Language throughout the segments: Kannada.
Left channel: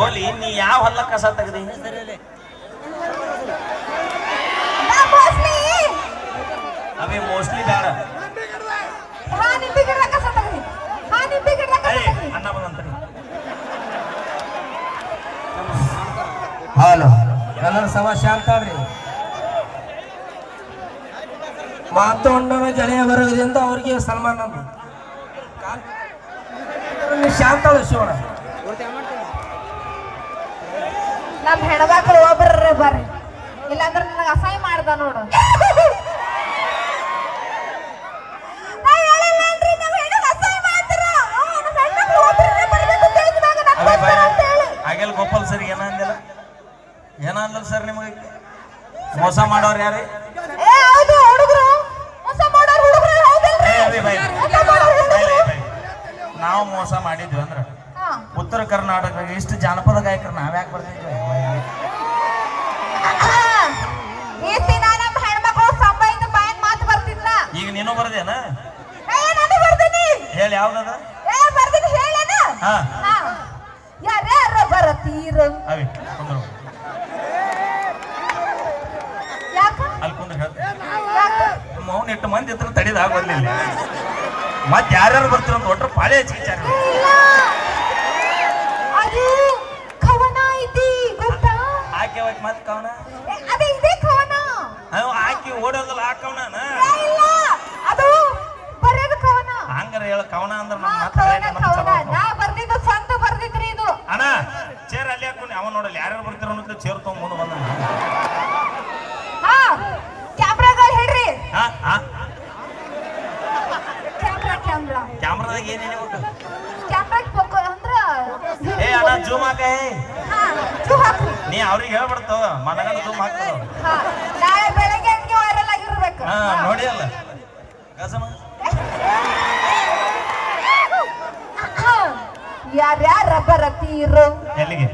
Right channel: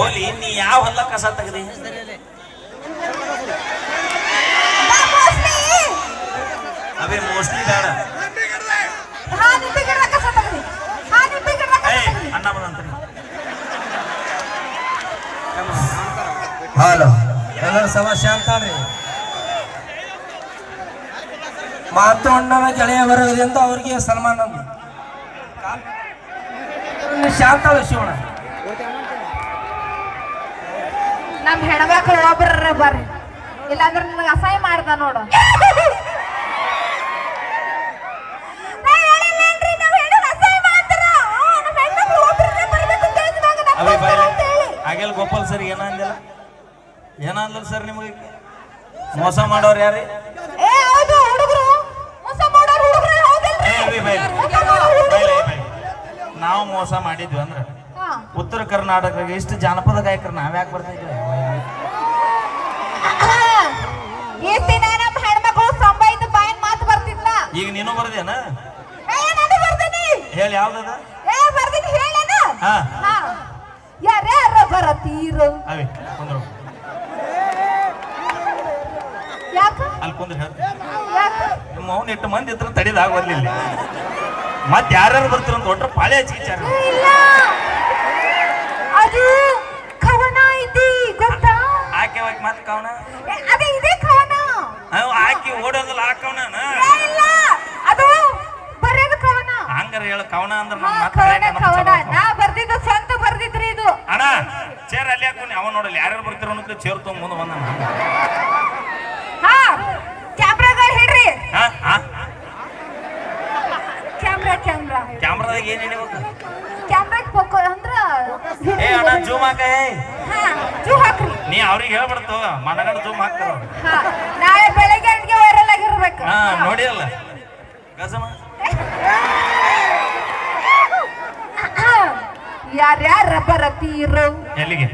ಹೋಲಿ ನೀ ಯಾವ ಹೊಲ ಕಸ ತೆಗ್ದಿ ಅವೇ ಮೋಸ್ಟ್ಲಿ ಬೇಡ ಅಣ್ಣ ಬಂದಂತ ಹಲೋ ಎಲ್ಲರ ಸಮಸ್ಯೆ ಅಂತಾಳ್ರಿ ಮಾತಣ್ಣನ ಗೆಳೆಯ ಬರೋದ್ರಿಂದ ಅವ್ರಿಗೆ ಸನ್ಮಾನ ಶಾಂತಾಳು ಶಿವಣ್ಣ ನಮ್ ಹೆಣ್ಮಕ್ಳು ಒಬ್ರ ಬರ್ರಿ ಇಲ್ಲಾಂದ್ರೆ ನನಗೆ ಅಸಹ್ಯ ಮಾಡ್ದ ನೋಡು ಹಾಗೆಲ್ಲ ಗೋಪಾಲ್ ಸರ್ ಏನಂದಿಲ್ಲ ಏನಂದ ಸರ್ ನಿಮಗೆ ಮೋಸ ಮಾಡೋರು ಯಾರು ನಾವು ಮೋಸ ಮಾಡಿದ್ವಿ ಅಂದ್ರೆ ಉತ್ತರ ಕರ್ನಾಟಕ ಎಷ್ಟು ಜಾನಪದ ಗಾಯಕರು ನಾವ್ಯಾಕೆ ಬರ್ತಿದ್ವಿ ಈಗ ನೀನು ಬರ್ದೇನ ಹೇಳಿ ಯಾವ್ದದ ಯಾರ್ಯಾರ ಬರತೀರು ಅವಿ ಕುಂದ್ರು ಅಲ್ಲಿ ಕುಂದ್ರ ನಿಮ್ಮ ಮೌನ ಇಟ್ಟು ಮಂದಿ ಇತ್ರ ತಡಿದಾಗ ಬರ್ಲಿಲ್ಲ ಮತ್ತೆ ಯಾರ್ಯಾರು ಬರ್ತೀರ ಅಂತ ಒಟ್ರ ಪಾಳೆ ಹಚ್ಚಿಚಾರ ಅದು ಕವನ ಐತಿ ಗೊತ್ತಾ ಆಕೆ ಮತ್ತೆ ಕವನ ಅದೇ ಇದೆ ಕವನ ಆಕಿ ಓಡೋದಿಲ್ಲ ಆ ಕವನ ಅದು ಬರೆಯೋದು ಕವನ ಹಂಗಾರ ಹೇಳ ಕವನ ಅಂದ್ರೆ ನಾ ಬರ್ದಿದ್ದು ಚಂದ ಬರ್ದಿದ್ರಿ ಇದು ಅಣ್ಣ ಚೇರ್ ಅಲ್ಲಿ ಹಾಕೊಂಡು ಅವ ನೋಡಲ್ಲ ಯಾರ್ಯಾರು ಬರ್ತಿರೋ ಅನ್ನೋದು ಚೇರ್ ತಗೊಂಡ್ ಮುಂದೆ ಬಂದ ಹಾ ಕ್ಯಾಮ್ರಾಗಳು ಹೇಳ್ರಿ ಕ್ಯಾಮ್ರಾದಾಗ ಏನೇನು ಕ್ಯಾಮ್ರಾ ಫೋಕೋ ಅಂದ್ರ ಏ ಅಣ್ಣ ಜೂಮ್ ಹಾಕ ಜೂಮ್ ಹಾಕ್ರಿ ನೀ ಅವ್ರಿಗೆ ಹೇಳ್ಬಿಡ್ತಾವ ಮನಗಂಡ ಜೂಮ್ ಹಾಕ್ತಾವ ನಾಳೆ ಬೆಳಗ್ಗೆ ಅಡ್ಗೆ ವೈರಲ್ ಆಗಿರ್ಬೇಕು ನೋಡಿ ಅಲ್ಲ ಗಜಮ ಯಾರ್ಯಾರ ಬರತೀರು ಎಲ್ಲಿಗೆ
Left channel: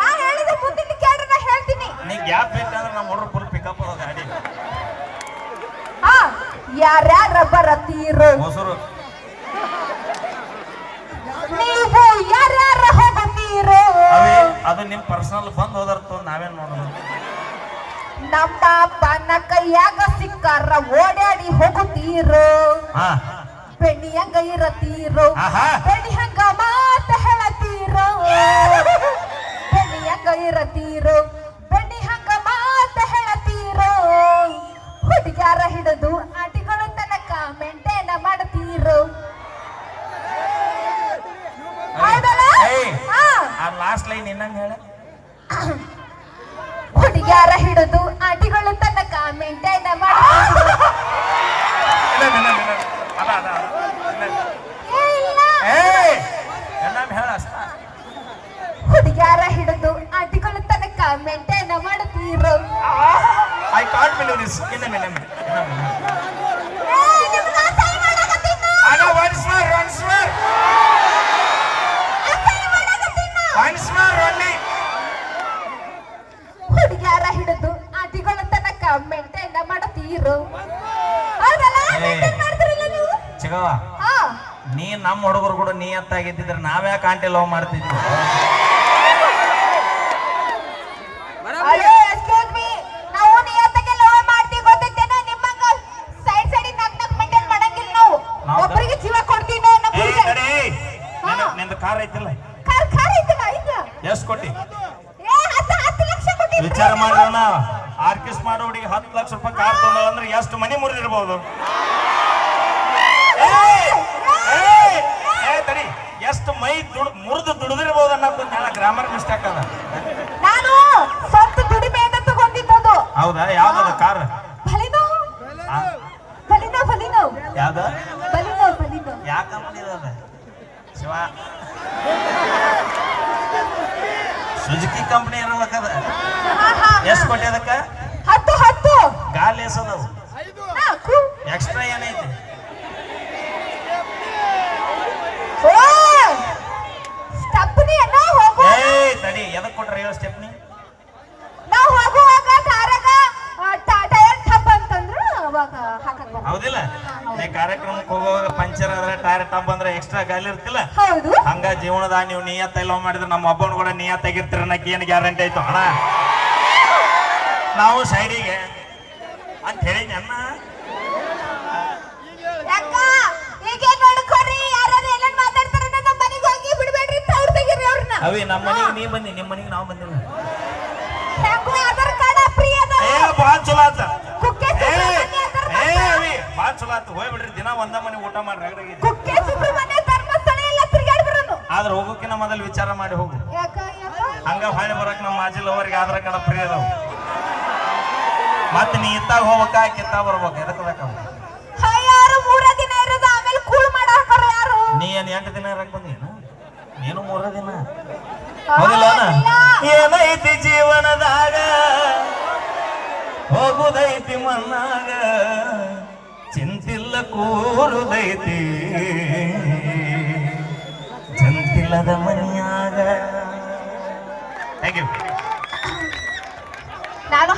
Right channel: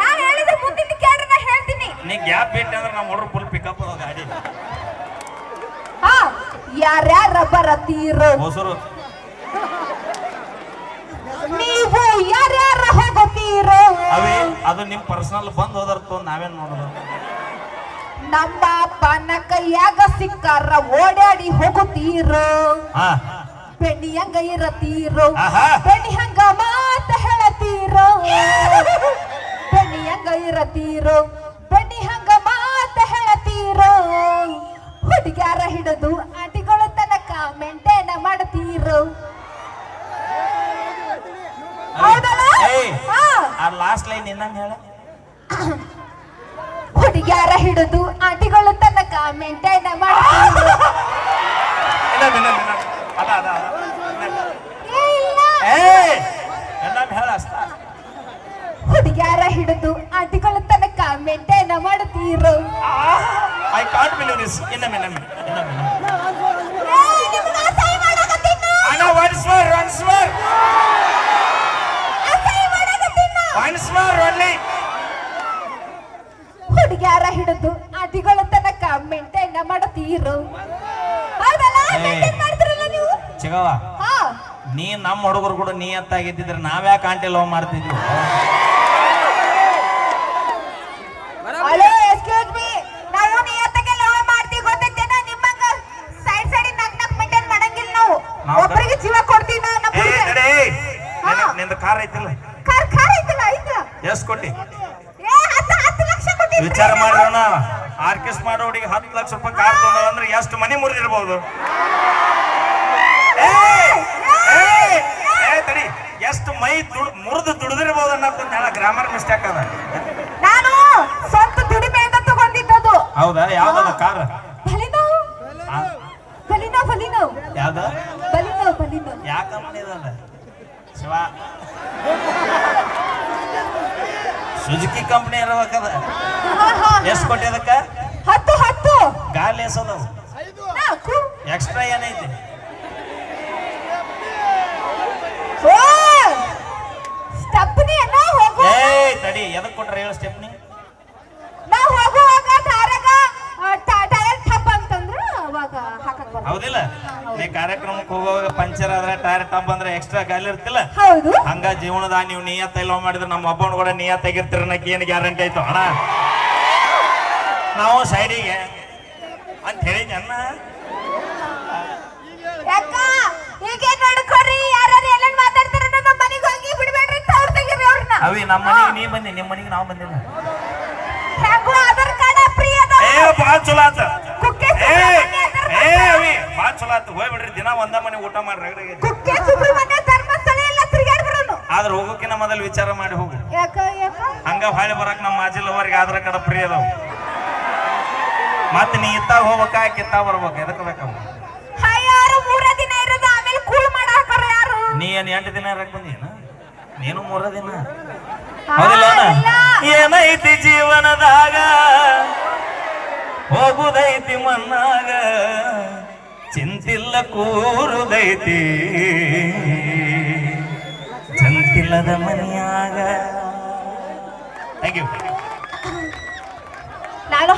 ನಾನು ಹೇಳಿದ ಮುಂದಿನ ಕ್ಯಾಮ್ರಾ ನಾ ಹೇಳ್ತೀನಿ ನೀ ಗ್ಯಾಪ್ ಬಿಟ್ಟು ಅಂದ್ರೆ ನಮ್ಮ ಹುಡುಗರು ಫುಲ್ ಪಿಕಪ್ ಅದ ಗಾಡಿ ಯಾರ್ಯಾರ ಬರತೀರು ಹೊಸರು ನೀವು ಯಾರ್ಯಾರ ಹೋಗತೀರು ಅವೇ ಅದು ನಿಮ್ ಪರ್ಸನಲ್ ಬಂದ್ ಹೋದರ್ತು ನಾವೇನ್ ನೋಡೋದು ನಮ್ಮ ಅಪ್ಪನ ಕೈಯಾಗ ಸಿಕ್ಕಾರ ಓಡಾಡಿ ಹೋಗುತ್ತೀರು ಬೆಣ್ಣಿ ಹಂಗ ಇರತೀರು ಬೆಣ್ಣಿ ಹಂಗ ಮಾತ ಹೇಳತೀರು ಬೆಣ್ಣಿ ಹಂಗ ಇರತೀರು ಬೆಣ್ಣಿ ಹಂಗ ಮಾತ ಹೇಳತೀರು ಹುಡುಗ್ಯಾರ ಹಿಡಿದು ಆಟಿಗಳ ತನಕ ಮೇಂಟೈನ್ ಮಾಡ್ತೀರು ಲಾಸ್ಟ್ ಲೈನ್ ಇನ್ನೊಂದು ಹೇಳ ಹುಡುಗ್ಯಾರ ಹಿಡಿದು ಆಟಿಗಳ ತನಕ ಮೇಂಟೈನ್ ಮಾಡ್ತೀರು ಹುಡುಗ್ಯಾರ ಹಿಡಿದು ಆಟಿಗಳ ತನಕ ಮೇಂಟೈನ್ ಮಾಡ್ತೀರು ಐ ಕಾಂಟ್ ಬಿಲೀವ್ ದಿಸ್ ಇನ್ನೊಮ್ಮೆ ಹುಡುಗ್ಯಾರ ಹಿಡಿದು ಆಟಿಗಳ ತನಕ ಮೇಂಟೈನ್ ಮಾಡ್ತೀರು ಚಿಗವ ನೀ ನಮ್ಮ ಹುಡುಗರು ಕೂಡ ನಿಯತ್ತಾಗಿದ್ದಿದ್ರೆ ನಾವ್ಯಾಕೆ ಆಂಟಿ ಲವ್ ಮಾಡ್ತಿದ್ವಿ ನಾವು ನಿಯತ್ತಾಗಿ ಲವ್ ಮಾಡ್ತೀವಿ ಗೊತ್ತಿದ್ದೇನ ನಿಮ್ಮಂಗ ಸೈಡ್ ಸೈಡ್ ನಕ್ ಮೇಂಟೈನ್ ಮಾಡಂಗಿಲ್ಲ ನಾವು ಒಬ್ಬರಿಗೆ ಜೀವ ಕೊಡ್ತೀವಿ ನಾವು ನಿಂದ ಕಾರ್ ಐತಿಲ್ಲ ಕಾರ್ ಐತಿಲ್ಲ ಐತಿಲ್ಲ ಎಷ್ಟು ಕೊಟ್ಟಿ 10 ಲಕ್ಷ ಕೊಟ್ಟಿ ವಿಚಾರ ಮಾಡೋಣ ಆರ್ಕೆಸ್ಟ್ ಮಾಡೋಡಿಗೆ 10 ಲಕ್ಷ ರೂಪಾಯಿ ಕಾರ್ ತಗೊಂಡ ಅಂದ್ರೆ ಎಷ್ಟು ಮನಿ ಮುರಿದಿರ್ಬೋದು ತಡಿ ಎಷ್ಟು ಮೈ ಮುರಿದು ದುಡಿದಿರ್ಬೋದು ಅನ್ನೋದು ಗ್ರಾಮರ್ ಮಿಸ್ಟೇಕ್ ಅದ ನಾನು ಸ್ವಂತ ದುಡಿಮೆಯಿಂದ ತಗೊಂಡಿದ್ದದು ಹೌದಾ ಯಾವ್ದದ ಕಾರ್ ಬಲಿನೋ ಯಾವ್ದ ಬಲಿನೋ ಯಾವ ಕಂಪನಿ ಅದ ಶಿವ ಸುಜುಕಿ ಕಂಪನಿ ಇರ್ಬೇಕದ ಎಷ್ಟು ಕೊಟ್ಟಿ ಅದಕ್ಕ 10 ಗಾಲಿ ಎಸದವು 4 ಎಕ್ಸ್ಟ್ರಾ ಏನೈತಿ ಸ್ಟೆಪ್ನಿ ಏನೋ ಹೋಗು ತಡಿ ಎದಕ್ ಕೊಟ್ರ ಹೇಳ ಸ್ಟೆಪ್ನಿ ನಾವು ಹೋಗುವಾಗ ದಾರಾಗ ಟೈರ್ ಟಪ್ ಅಂತಂದ್ರು ಅವಾಗ ಹಾಕಕ್ ಬರ್ತದೆ ಹೌದಿಲ್ಲ ನೀ ಕಾರ್ಯಕ್ರಮಕ್ಕೆ ಹೋಗುವಾಗ ಪಂಚರ್ ಆದ್ರೆ ಟೈರ್ ಟಬ್ ಅಂದ್ರೆ ಎಕ್ಸ್ಟ್ರಾ ಗಾಲಿ ಇರ್ತಿಲ್ಲ ಹೌದು ಹಂಗ ಜೀವನದ ನೀವು ನಿಯತ್ತ ಲವ್ ಮಾಡಿದ್ರೆ ನಮ್ಮ ಒಬ್ಬನ ಕೂಡ ನಿಯತ್ತಾಗಿರ್ತೀರ ಅನ್ನಕ್ಕೆ ಏನು ಗ್ಯಾರಂಟಿ ಆಯ್ತು ಅಣ್ಣ ನಾವು ಸೈಡಿಗೆ ಅಂತ ಹೇಳಿ ಅಣ್ಣ ಯಾಕ ಈಗ ನಡ್ಕೊರಿ ಯಾರು ಎಲ್ಲ ಮಾತಾಡ್ತಾರ ನಮ್ಮ ಮನೆಗೆ ಹೋಗಿ ಬಿಡಬೇಡ್ರಿ ತೌಡ್ ತೆಗೀರಿ ಅವ್ರನ್ನ ಅವಿ ನಮ್ಮ ಮನೆಗೆ ನೀ ಬಂದಿ ನಿಮ್ಮ ಮನೆಗೆ ನಾವು ಬಂದಿಲ್ಲ ಯಾಕೋ ಆಧಾರ್ ಕಾರ್ಡ್ ಫ್ರೀ ಅದ ಭಾಳ ಚಲೋ ಆತ ಕುಕ್ಕೆ ಅವಿ ಭಾಳ ಚಲೋ ಆತ ಹೋಗ್ಬಿಡ್ರಿ ದಿನ ಒಂದ ಮನೆ ಊಟ ಮಾಡಿ ರಗಡಿಗೆ ಕುಕ್ಕೆ ಸುಬ್ರಹ್ಮಣ್ಯ ಧರ್ಮಸ್ಥಳ ಎಲ್ಲ ತಿರುಗಾಡ್ಬಿಡೋನು ಆದ್ರೆ ಹೋಗೋಕಿನ ಮೊದಲು ವಿಚಾರ ಮಾಡಿ ಹೋಗು ಯಾಕ ಹಂಗ ಹಾಳಿ ಬರಕ್ ನಮ್ಮ ಮಾಜಿಲವರಿಗೆ ಆಧಾರ್ ಕಾರ್ಡ್ ಫ್ರೀ ಅದಾವ ಮತ್ತೆ ನೀ ಇತ್ತಾಗ ಹೋಗ್ಬೇಕಾ ಕಿತ್ತಾಗ ಬರ್ಬೇಕು ಎದಕ್ಕೆ ಬೇಕಾಗ ಯಾರು 3 ದಿನ ಇರೋದು ಆಮೇಲೆ ಕೂಲ್ ಮಾಡಾಕರ ಯಾರು ನೀ ಏನ್ 8 ದಿನ ಇರಕ್ ಬಂದೀನ ನೀನು 3 ದಿನ ಹೌದಿಲ್ಲ ಏನೈತಿ ಜೀವನದಾಗ ಹೋಗುದೈತಿ ಮನ್ನಾಗ ಚಿಂತಿಲ್ಲ ಕೂರುದೈತಿ ಚಂತಿಲ್ಲದ ಮನೆಯಾಗ ಥ್ಯಾಂಕ್ ಯು ನಾನು